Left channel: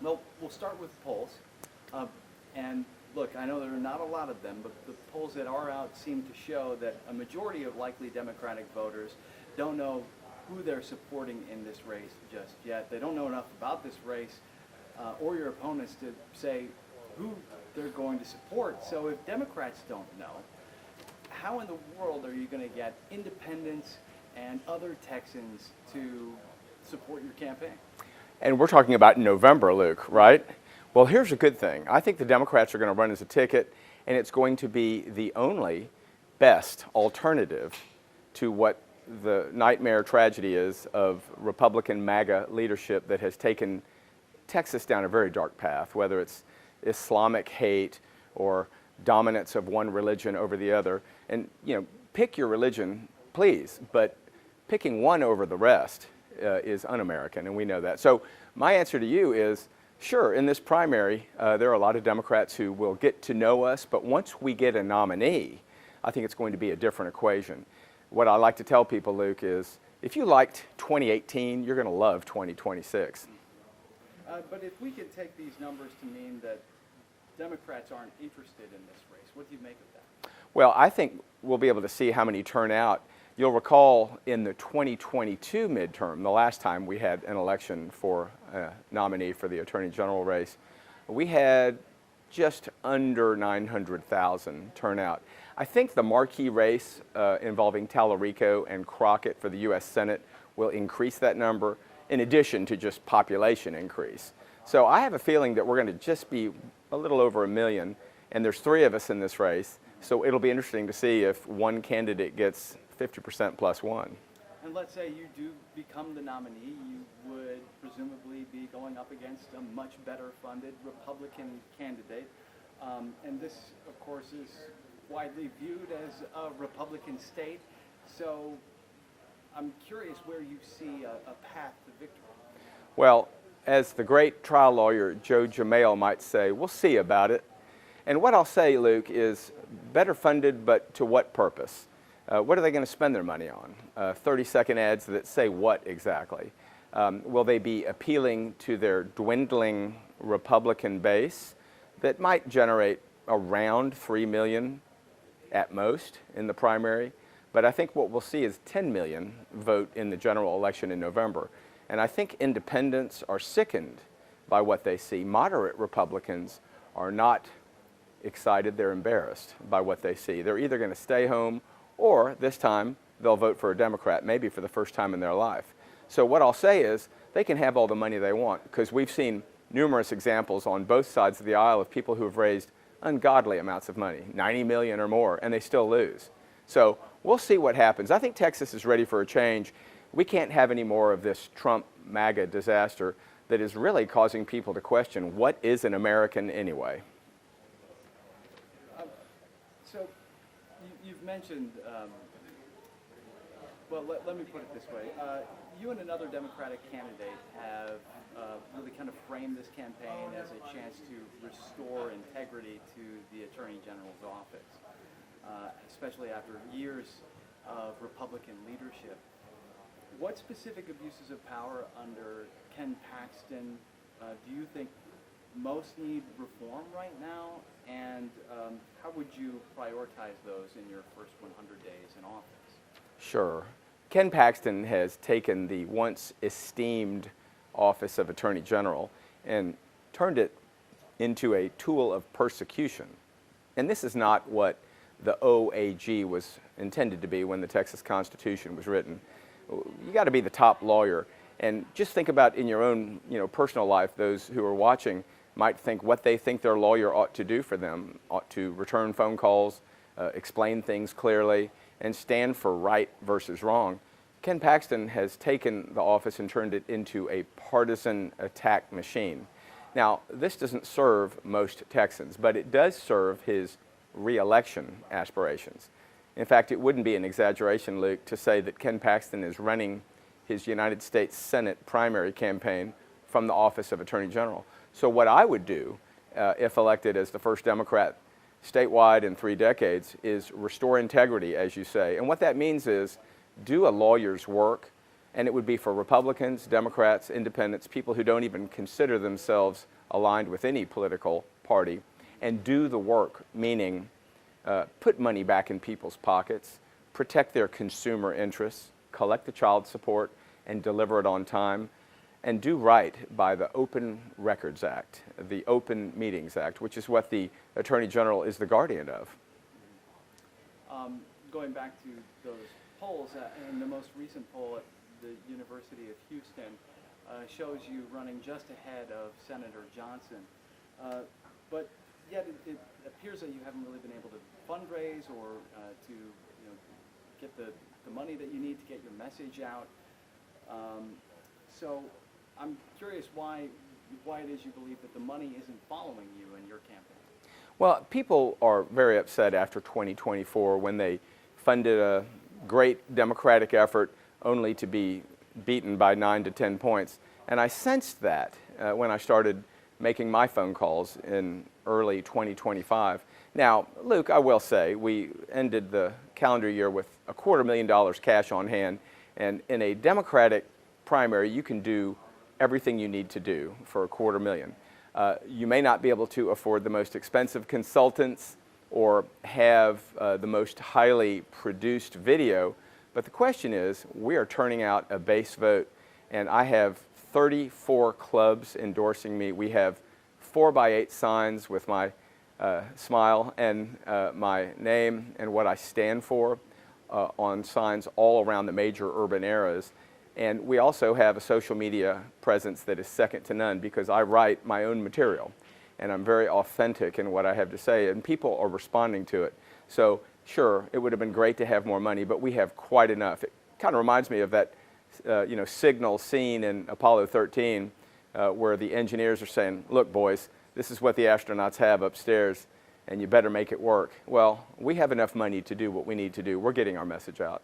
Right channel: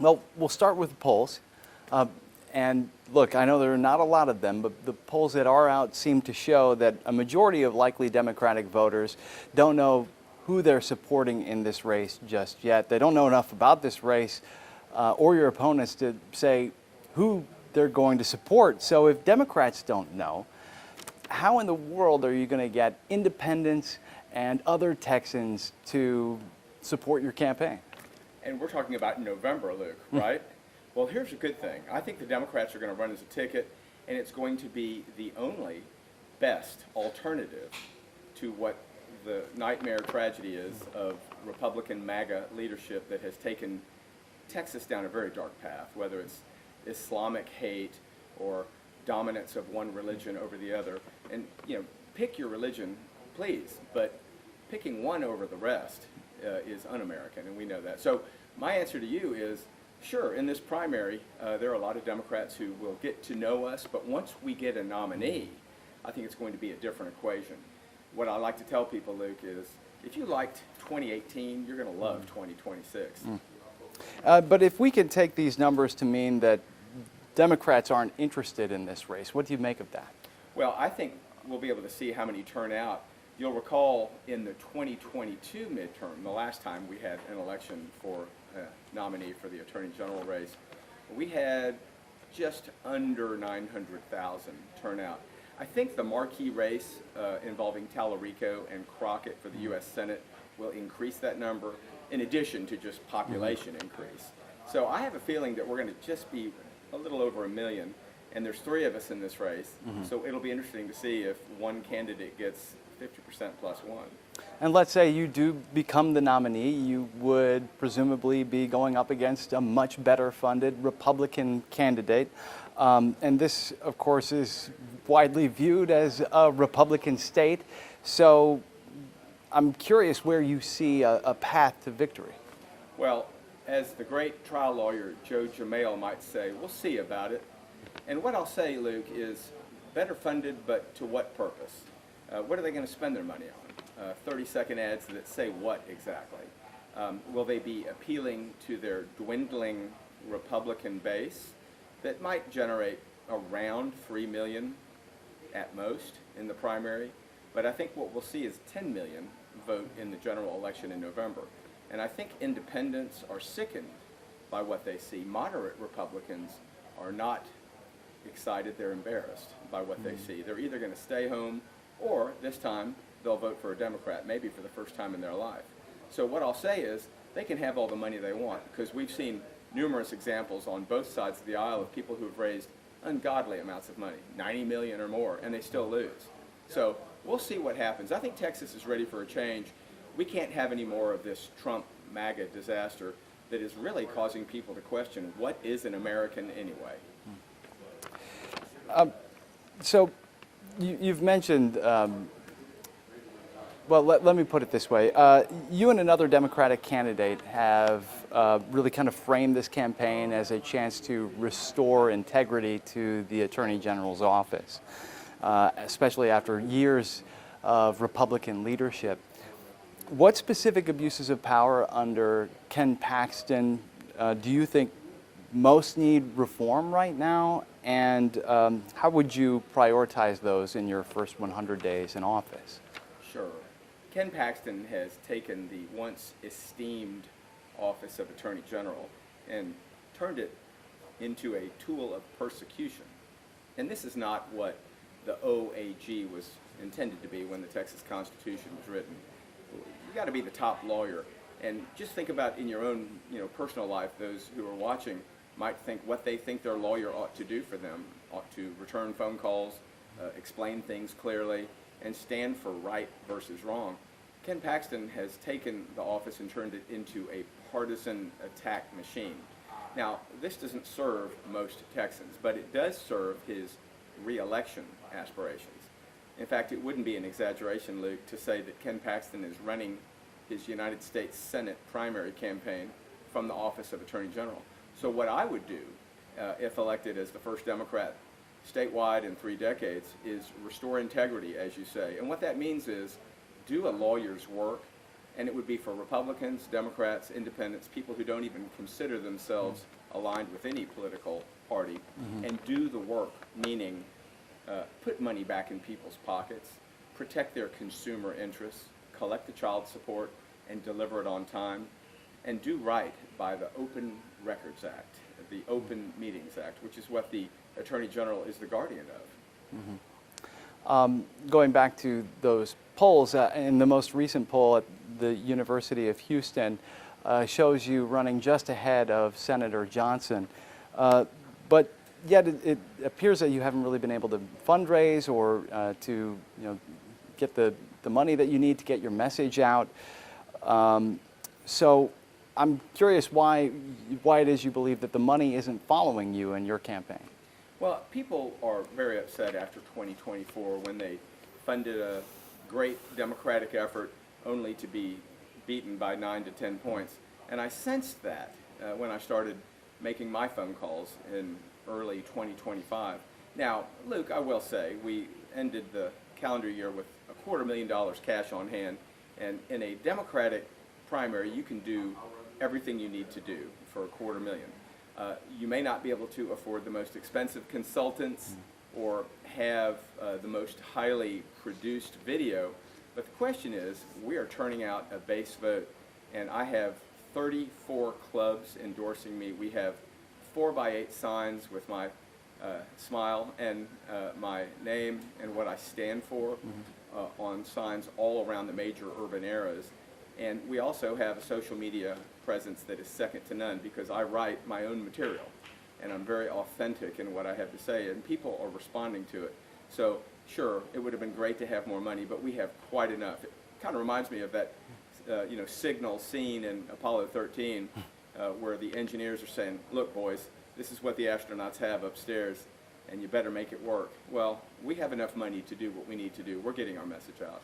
Well, we'll start with the polls. Uh, and look, I know there are not a lot of them, but the polls that are out seem to show that a majority of likely Democratic voters don't know who they're supporting in this race just yet. They don't know enough about this race or your opponents to say who they're going to support. So if Democrats don't know, how in the world are you going to get independents and other Texans to support your campaign? And we're talking about November, Luke, right? Well, here's a good thing. I think the Democrats are going to run as a ticket, and it's going to be the only best alternative to what the nightmare tragedy is of Republican MAGA leadership that has taken Texas down a very dark path, whether it's Islamic hate or dominance of one religion over the other. And, pick your religion, please, but picking one over the rest is un-American, and we know that. So my answer to you is, sure, in this primary, there are a lot of Democrats who will get to know us, but once we get a nominee, I think it's going to be a different equation. What I like to tell people, Luke, is if you liked 2018, you're going to love 2026. But if we can take these numbers to mean that Democrats aren't interested in this race, what do you make of that? Well, I think we'll be able to see how many turn out. You'll recall in the 2022 midterm, the last time we had an election for a nominee for the Attorney General race, we had just under 900,000 turnout. I think the marquee race involving Tallarico and Crockett for the U.S. Senate will increase that number in addition to just population increase. So I have a feeling that we're going to just be a little over 1 million, and there's 3 of us in this race. So it'll be interesting to see if one candidate gets 50% plus 1. And let's say you do become the nominee, you would presumably be going up against a much better funded Republican candidate. And this, of course, is widely viewed as a Republican state. So I'm curious where you see a path to victory. Well, as the great trial lawyer Joe Jamail might say, we'll see about it. And what I'll say, Luke, is better funded, but to what purpose? What are they going to spend their money on? 30-second ads that say what exactly? Will they be appealing to their dwindling Republican base that might generate around 3 million at most in the primary? But I think what we'll see is 10 million vote in the general election in November. And I think independents are sickened by what they see. Moderate Republicans are not excited, they're embarrassed by what they see. They're either going to stay home or this time they'll vote for a Democrat, maybe for the first time in their life. So what I'll say is they can have all the money they want, because we've seen numerous examples on both sides of the aisle of people who have raised ungodly amounts of money, 90 million or more, and they still lose. So we'll see what happens. I think Texas is ready for a change. We can't have any more of this Trump MAGA disaster that is really causing people to question what is an American anyway. So you've mentioned, well, let me put it this way. You and another Democratic candidate have really kind of framed this campaign as a chance to restore integrity to the Attorney General's office, especially after years of Republican leadership. What specific abuses of power under Ken Paxton do you think most need reform right now, and how would you prioritize those in your first 100 days in office? Sure. Ken Paxton has taken the once esteemed office of Attorney General and turned it into a tool of persecution. And this is not what the OAG was intended to be when the Texas Constitution was written. You got to be the top lawyer, and just think about in your own, personal life. Those who are watching might think what they think their lawyer ought to do for them, ought to return phone calls, explain things clearly, and stand for right versus wrong. Ken Paxton has taken the office and turned it into a partisan attack machine. Now, this doesn't serve most Texans, but it does serve his re-election aspirations. In fact, it wouldn't be an exaggeration, Luke, to say that Ken Paxton is running his United States Senate primary campaign from the office of Attorney General. So what I would do, if elected as the first Democrat statewide in 3 decades, is restore integrity, as you say. And what that means is do a lawyer's work And it would be for Republicans, Democrats, Independents, people who don't even consider themselves aligned with any political party, and do the work, meaning put money back in people's pockets, protect their consumer interests, collect the child support, and deliver it on time, and do right by the Open Records Act, the Open Meetings Act, which is what the Attorney General is the guardian of. Going back to those polls, in the most recent poll at the University of Houston shows you running just ahead of Senator Johnson. But yet it appears that you haven't really been able to fundraise or to get the money that you need to get your message out. So I'm curious why it is you believe that the money isn't following you in your campaign. Well, people are very upset after 2024 when they funded a great Democratic effort only to be beaten by 9 to 10 points. And I sensed that when I started making my phone calls in early 2025. Now, Luke, I will say, we ended the calendar year with $250,000 cash on hand, and in a Democratic primary, you can do everything you need to do for $250,000. You may not be able to afford the most expensive consultants or have the most highly produced video, but the question is, we are turning out a base vote, and I have 34 clubs endorsing me. We have 4x8 signs with my smile and my name and what I stand for on signs all around the major urban areas. And we also have a social media presence that is second to none because I write my own material and I'm very authentic in what I have to say, and people are responding to it. So sure, it would have been great to have more money, but we have quite enough. It kind of reminds me of that signal scene in Apollo 13 where the engineers are saying, look boys, this is what the astronauts have upstairs and you better make it work. Well, we have enough money to do what we need to do. We're getting our message out.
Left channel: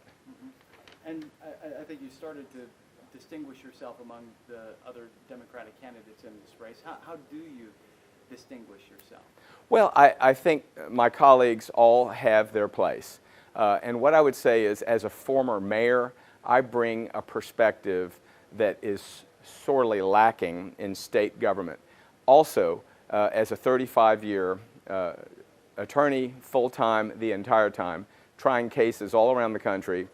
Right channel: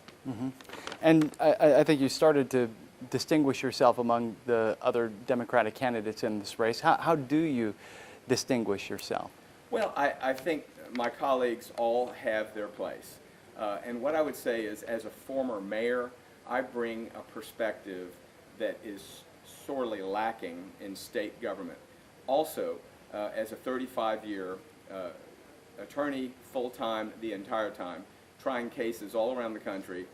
And I think you started to distinguish yourself among the other Democratic candidates in this race. How do you distinguish yourself? Well, I think my colleagues all have their place. And what I would say is, as a former mayor, I bring a perspective that is sorely lacking in state government. Also, as a 35-year attorney, full-time, the entire time, trying cases all around the country,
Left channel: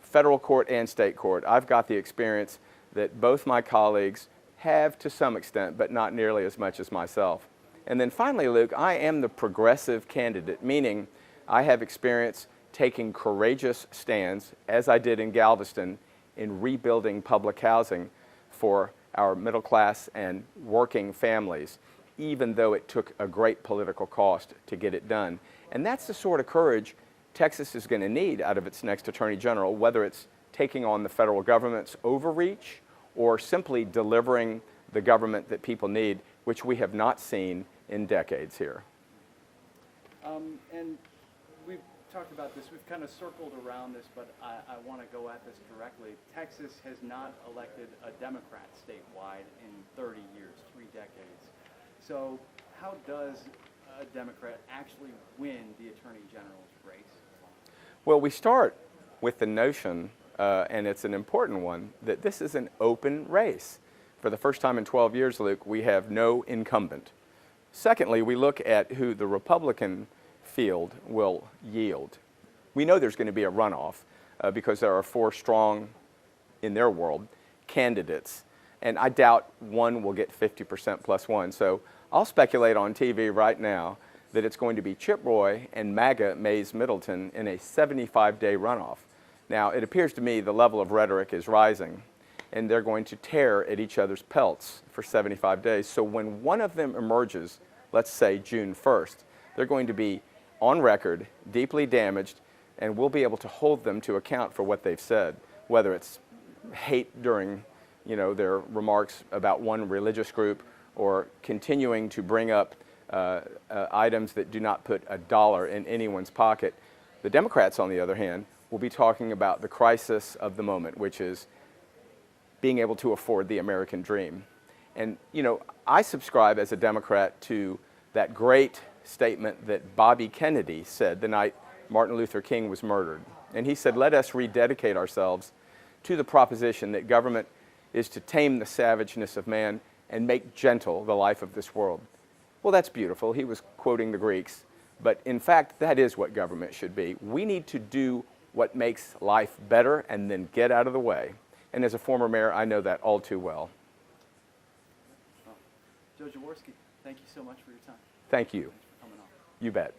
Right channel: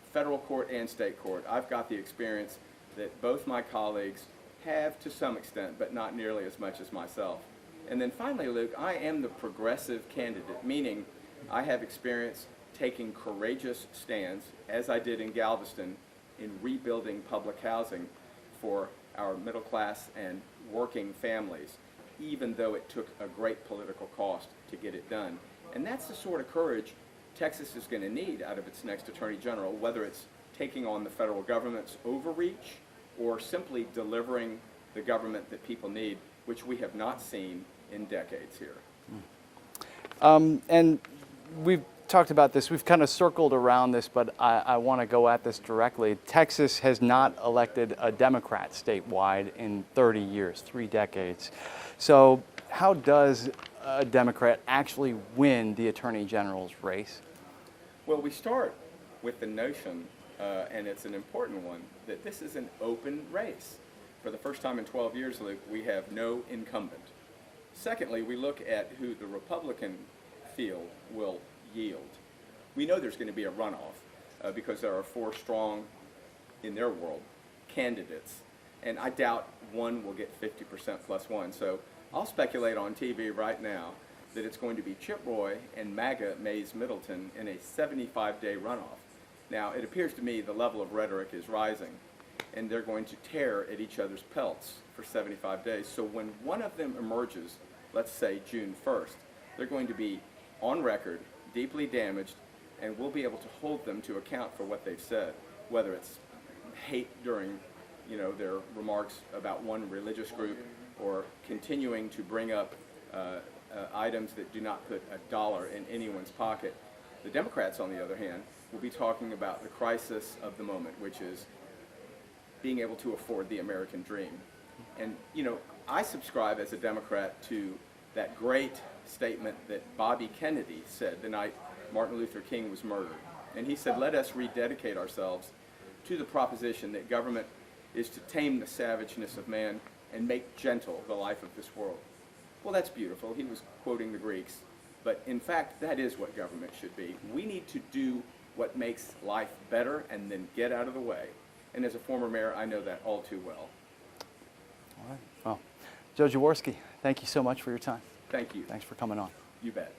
federal court and state court, I've got the experience that both my colleagues have to some extent, but not nearly as much as myself. And then finally, Luke, I am the progressive candidate, meaning I have experience taking courageous stands, as I did in Galveston, in rebuilding public housing for our middle class and working families, even though it took a great political cost to get it done. And that's the sort of courage Texas is going to need out of its next Attorney General, whether it's taking on the federal government's overreach or simply delivering the government that people need, which we have not seen in decades here. And we've talked about this, we've kind of circled around this, but I want to go at this directly. Texas has not elected a Democrat statewide in 30 years, 3 decades. So how does a Democrat actually win the Attorney General's race? Well, we start with the notion, and it's an important one, that this is an open race. For the first time in 12 years, Luke, we have no incumbent. Secondly, we look at who the Republican field will yield. We know there's going to be a runoff because there are 4 strong, in their world, candidates. And I doubt one will get 50% plus 1. So I'll speculate on TV right now that it's going to be Chip Roy and MAGA Mays Middleton in a 75-day runoff. Now, it appears to me the level of rhetoric is rising, and they're going to tear at each other's pelts for 75 days. So when one of them emerges, let's say June 1st, they're going to be on record, deeply damaged, and we'll be able to hold them to account for what they've said, whether it's hate during their remarks about one religious group or continuing to bring up items that do not put a dollar in anyone's pocket. The Democrats, on the other hand, will be talking about the crisis of the moment, which is being able to afford the American dream. And, I subscribe as a Democrat to that great statement that Bobby Kennedy said the night Martin Luther King was murdered. And he said, let us rededicate ourselves to the proposition that government is to tame the savageness of man and make gentle the life of this world. Well, that's beautiful. He was quoting the Greeks. But in fact, that is what government should be. We need to do what makes life better and then get out of the way. And as a former mayor, I know that all too well. All right. Well, Joe Jaworski, thank you so much for your time. Thank you. Thanks for coming on. You bet.